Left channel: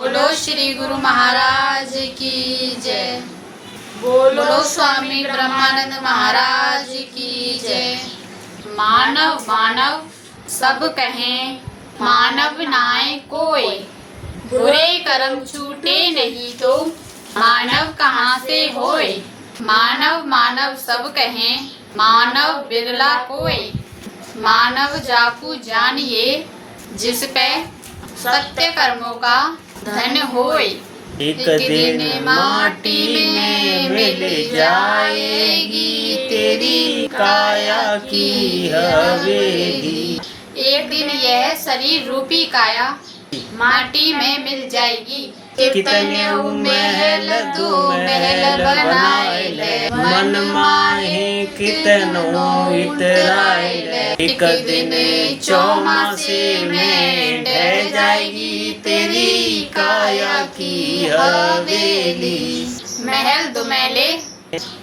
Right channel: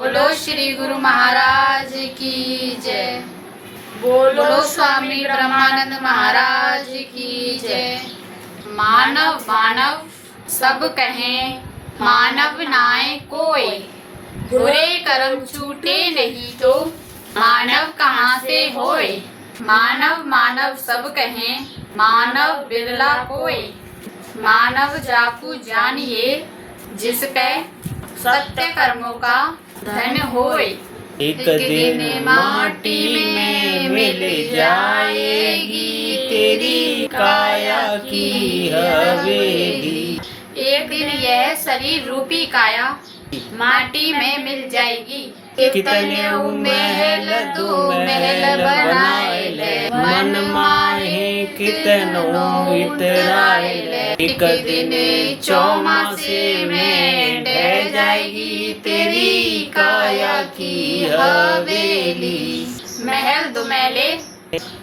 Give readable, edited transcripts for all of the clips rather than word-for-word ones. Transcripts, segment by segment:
बोलो श्री गुरु महाराज की जय। बोलो स्वामी ब्रह्मानंद महाराज की जय। मानव मानव सब कहें, मानव नाय कोय। बुरे कर्म छूटे नहीं तो मानव कहाँ से होए। मानव मानव सब कहें, मानव बिरला कोय। मानव जाकू जानिए, जिस पे सत्य कर्मों का धन होए। एक दिन माटी में मिल जाएगी तेरी काया की हवेली। एक दिन यह शरीर रूपी काया माटी में मिल जाएगी। कितने महल दो महल बनाए ले, मन माहे कितनों इतराए ले। एक दिन चौमासे में ढह जाएगी तेरी काया की हवेली। महल दुमहले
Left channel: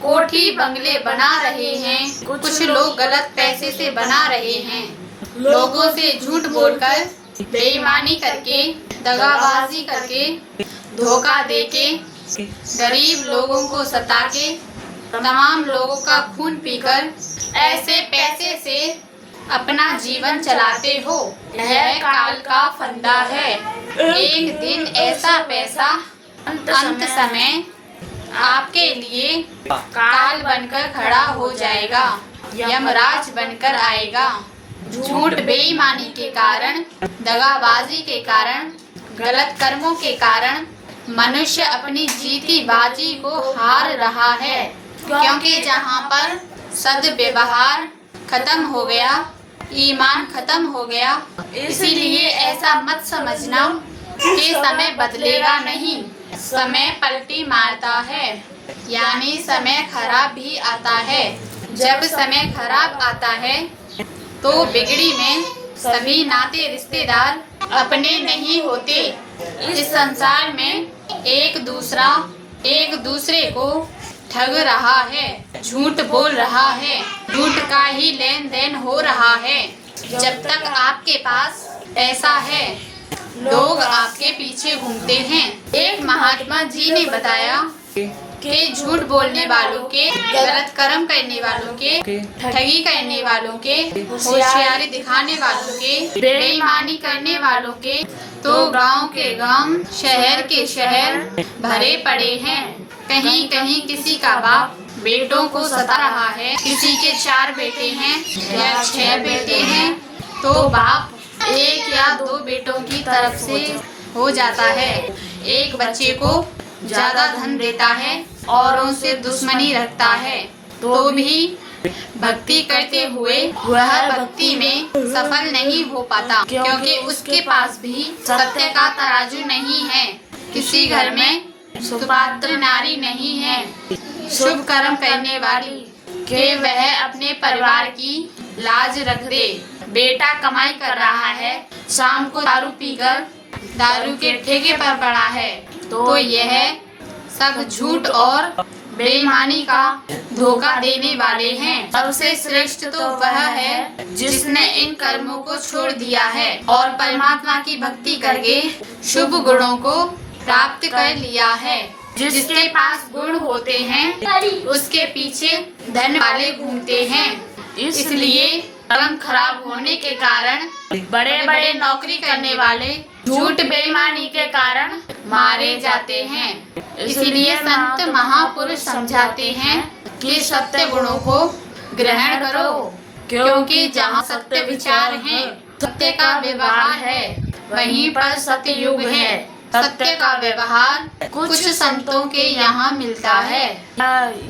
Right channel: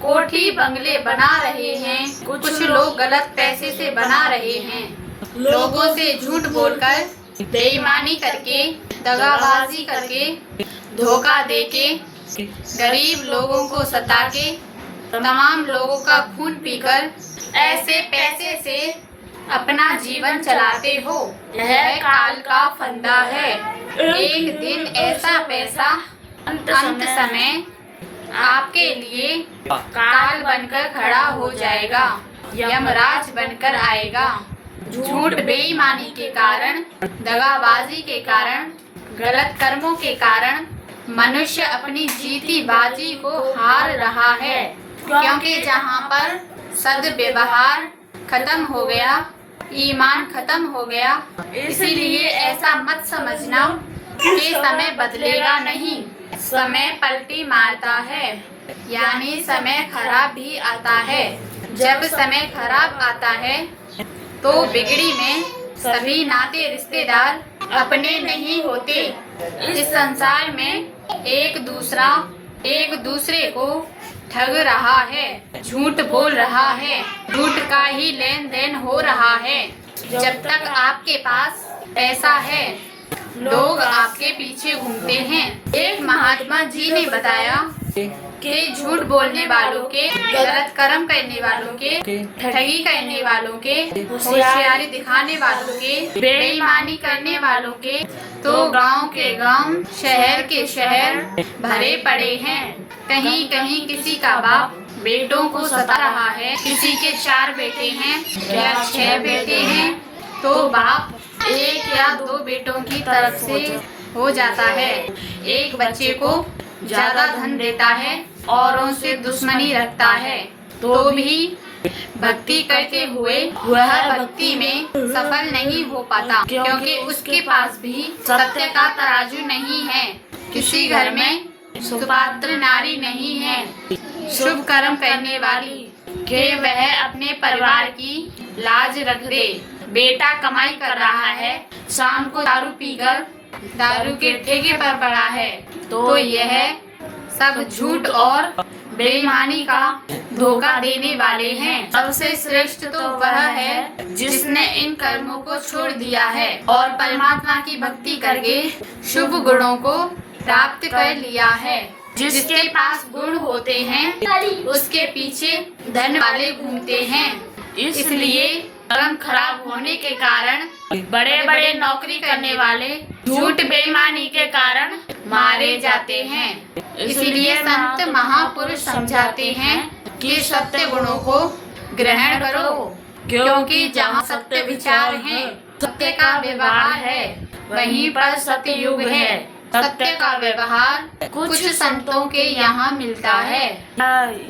कोठी बंगले बना रहे हैं, कुछ लोग गलत पैसे से बना रहे हैं। लोगों से झूठ बोलकर, बेईमानी करके, दगाबाजी करके, धोखा देके, गरीब लोगों को सता के, तमाम लोगों का खून पीकर ऐसे पैसे से अपना जीवन चलाते हो। यह काल का फंदा है। एक दिन ऐसा पैसा अंत समय आपके लिए काल बनकर खड़ा हो जाएगा, यमराज बनकर आएगा। झूठ बेईमानी के कारण, दगाबाजी के कारण, गलत कर्मों के कारण मनुष्य अपनी जीती बाजी को हार रहा है। क्योंकि जहाँ पर सद्व्यवहार खत्म हो गया, ईमान खत्म हो गया, इसीलिए ऐसा मत समझना कि समय बदलेगा नहीं। समय पलटी मारता है, यानी समय खराब भी आता है। जब समय खराब आता है तो बिगड़ी में सभी नाते रिश्तेदार अपने नहीं होते। इस संसार में एक दूसरे को ठग रहा है, झूठ बोल रहा है, झूठ का ही लेन देन हो रहा है। जब तक आपके पास पैसा है, लोग आपके पीछे घूमते हैं। एक महात्मा जी ने बताया कि झूठ बोलने वालों के, गलत कर्म करने वालों के, ठगी करने वालों के, होशियारी दिखाने वालों के, बेईमानी करने वालों के तो गांव के गांव, शहर के शहर भरे पड़े हैं। कहीं कहीं किसी का बाप बेटों को सता रहा है, किसी के 4 बेटे हैं या 6 बेटे हैं तो बाप 1 या 2 बेटों की तरफ से हो जाता है। एक बच्चे को ज्यादा धन देता है, औरों से दुश्मनी रखता है, तो भी भक्ति करते हुए वह भक्ति में सफल नहीं हो पाता, क्योंकि उसके पास भी सत्य का तराजू नहीं है। किसी घर में सुपात्र नारी नहीं है, शुभ कर्म करने वाली, कि वह अपने परिवार की लाज रख दे। बेटा कमाई कर रहा है, शाम को दारू पीकर दारू के ठेके पर पड़ा है, तो यह सब झूठ और बेईमानी का धोखा देने वाले हैं। सबसे श्रेष्ठ तो वह है जिसने इन कर्मों को छोड़ दिया है और परमात्मा की भक्ति करके शुभ गुणों को प्राप्त कर लिया है। जिसके पास गुण होते हैं उसके पीछे धन वाले घूमते हैं। इसलिए कर्म खराब होने के कारण बड़े बड़े नौकरी करने वाले झूठ बेईमानी के कारण मारे जाते हैं। इसलिए संत महापुरुष समझाते हैं कि सत्य गुणों को ग्रहण करो, क्योंकि जहाँ सत्य विचार है, सत्य का व्यवहार है, वहीं पर सत्य युग है। सत्य का व्यवहार कुछ संतों के यहाँ मिलता है।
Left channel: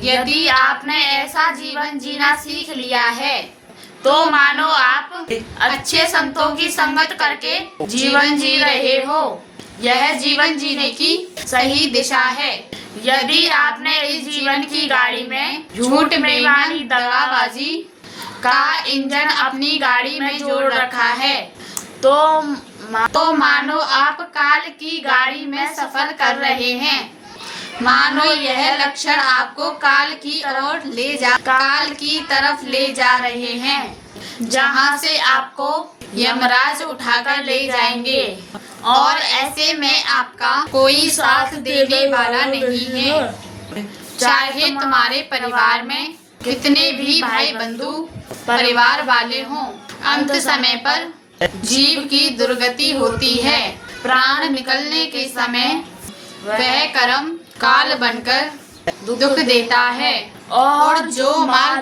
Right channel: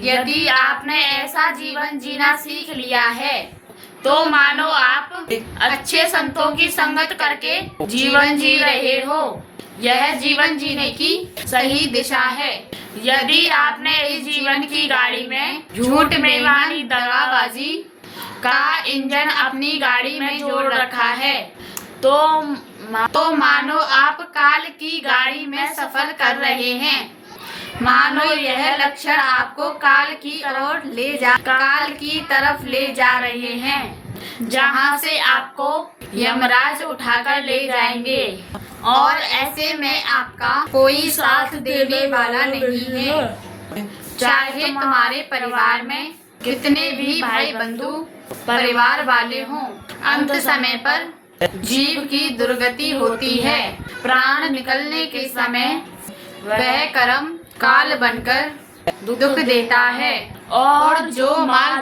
यदि आपने ऐसा जीवन जीना सीख लिया है तो मानो आप अच्छे संतों की संगत करके जीवन जी रहे हो। यह जीवन जीने की सही दिशा है। यदि आपने इस जीवन की गाड़ी में झूठ, बेईमानी, दगाबाजी का इंजन अपनी गाड़ी में जोड़ रखा है तो मानो आप काल की गाड़ी में सफर कर रहे हैं। मानो यह लक्षण आपको काल की तरफ ले जा रहे हैं। जहाँ से आपको यमराज उठाकर ले जाएंगे और ऐसे में आपका कोई साथ देने वाला नहीं है। चाहे तुम्हारे परिवार में कितने भी भाई बंधु परिवार वाले हों, अंत समय पर जीव की दुर्गति होती है। प्राण निकलने के समय वह कर्म काल बनकर दुख देता है और जो माल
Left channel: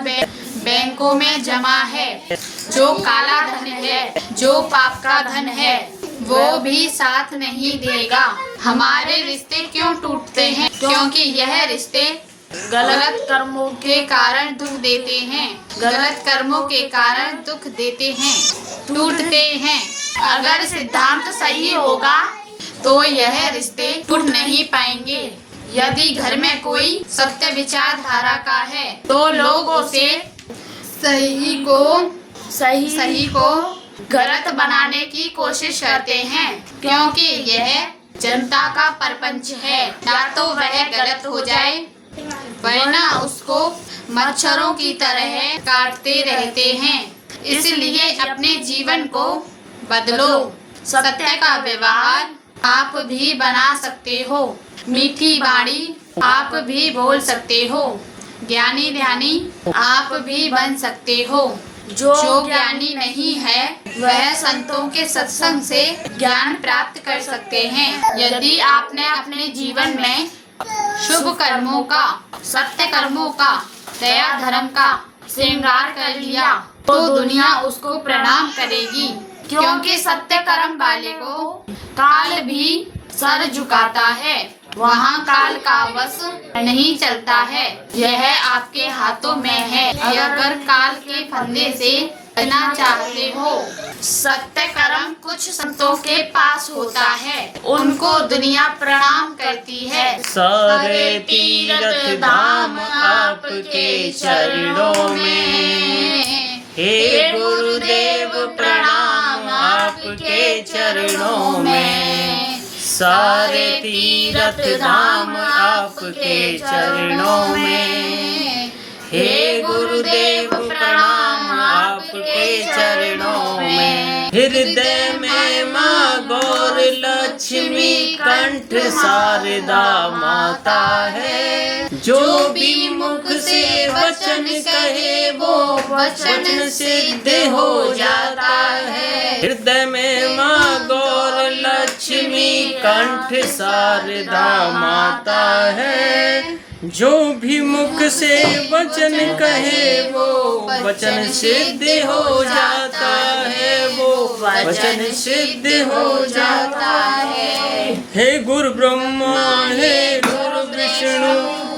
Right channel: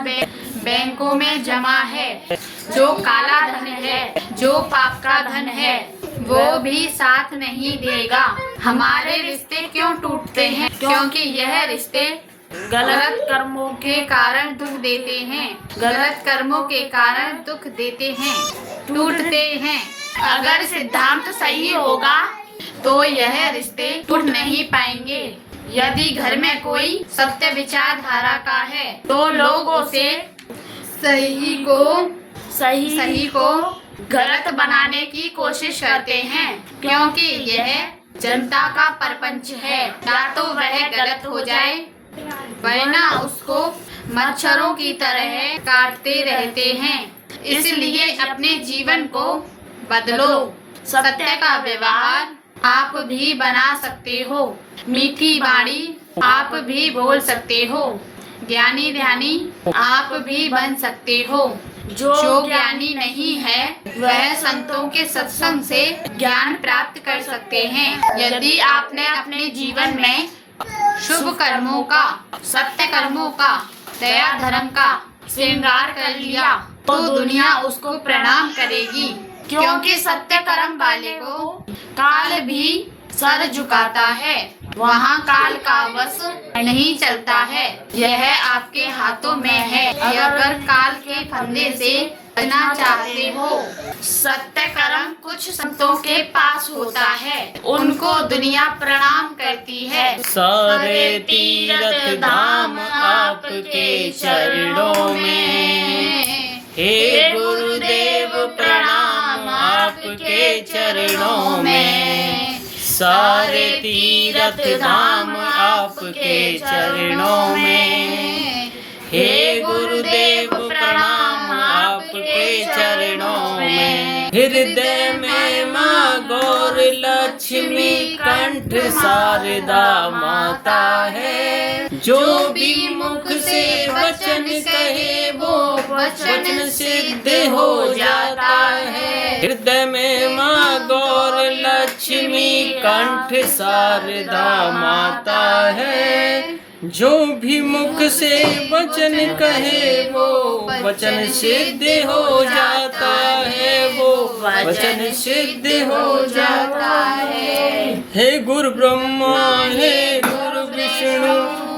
बैंकों में जमा है, जो काला धन है, जो पाप का धन है, वो भी साथ नहीं देगा। हमारे रिश्ते क्यों टूटते हैं? क्योंकि यह रिश्ते गलत कर्मों के कारण दुख देते हैं। गलत कर्मों के कारण दुख देते हैं, टूटते हैं। अगर सिद्धांत सही होगा तो यह रिश्ते टूट नहीं पाएंगे। यदि घर में कोई सत्य विचारधारा का है तो लोग उसे सही को गलत बनाने की कोशिश करते हैं, क्योंकि यह जनता का प्रपंच है। या तो वह गलत हो जाए वरना उसको मच्छरों की तरह काटते रहते हैं। इसलिए अपने जीवन को बदलो। सत्य का व्यवहार आप भी बना सकते हो, मीठी वाणी आप भी बोल सकते हो, ज्ञानी ध्यानी आप भी बन सकते हो। जो ज्ञानी नहीं है वह संतों के सत्संग से ज्ञान प्राप्त कर सकते हैं। यदि आपने अपने जीवन में शुभ कर्मों का, सत्य कर्मों का, दया धर्म का श्रृंगार कर लिया तो दुनिया उसको प्रणाम करेगी, क्योंकि सत्य कर्म वाले को काल भी सर झुकाता है। वहाँ काल का वश नहीं चलता है, यह आपके हाथों में है। अगर काल के फंदे से बचना चाहते हो, सत्य कर्म कुछ संतों के पास होता है, उनको दुनिया प्रणाम करती है। सारे तीर्थ धाम आपके चरणों में, हे गुरुदेव प्रणाम आपके चरणों में। सारे तीर्थ धाम आपके चरणों में, हे गुरुदेव प्रणाम आपके चरणों में। हृदय में माँ गौर लक्ष्मी, कंठ शारदा माता है। जो भी मुख से वचन कहे वो वचन सिद्ध हो जाता है। हृदय में माँ गौर लक्ष्मी, कंठ शारदा माता है। जो भी मुख से वचन कहे वो वचन सिद्ध हो जाता है, वो वचन सिद्ध हो जाता है। हे गुरु ब्रह्मा, हे गुरु विष्णु,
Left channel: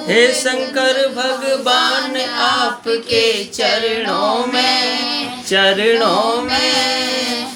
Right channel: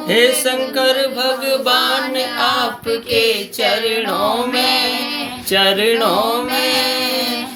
हे शंकर भगवान आपके चरणों में, चरणों में।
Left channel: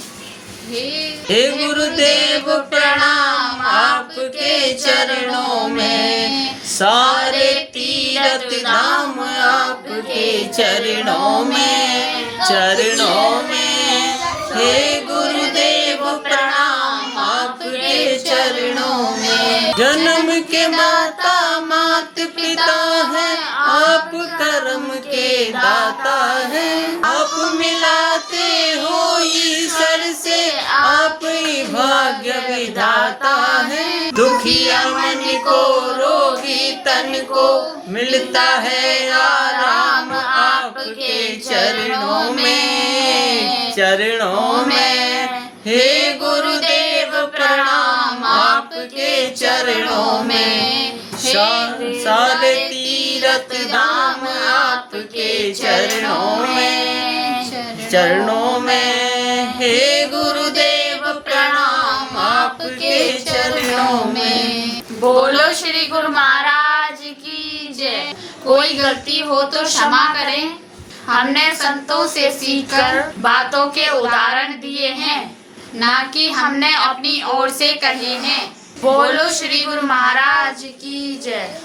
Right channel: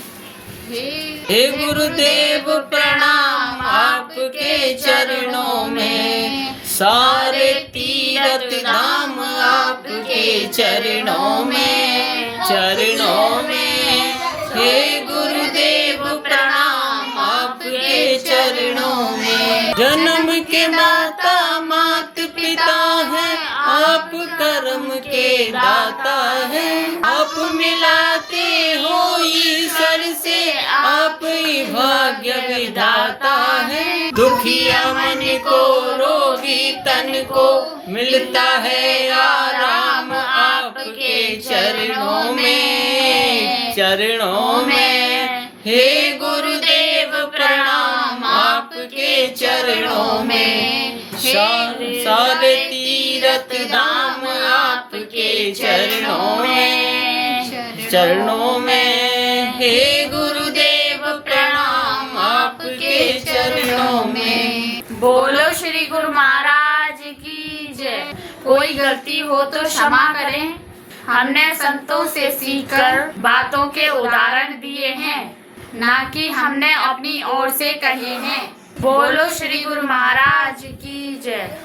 हे गुरुदेव प्रणाम आपके चरणों में। सारे तीर्थ धाम आपके चरणों में, चरणों में। हे गुरुदेव प्रणाम आपके चरणों में। जन्म के माता मात पिता है, आप कर्म के दाता है। आप मिलाते हो ईश्वर से, आप ही भाग्य विधाता है। दुखिया मन को, रोगी तन को मिलता है आराम आपके चरणों में, चरणों में। हे गुरुदेव प्रणाम आपके चरणों में। सारे तीर्थ धाम आपके चरणों में, चरणों में। हे गुरुदेव प्रणाम आपके चरणों में। बोलो श्री गुरु महाराज की जय। कोई गलती हो तो क्षमा करें। हमने संतों से सीखकर बातों के उदाहरण दिए हैं, ना कि हमने अपनी ओर से कहे हैं। बोलो श्री गुरु महाराज की जय।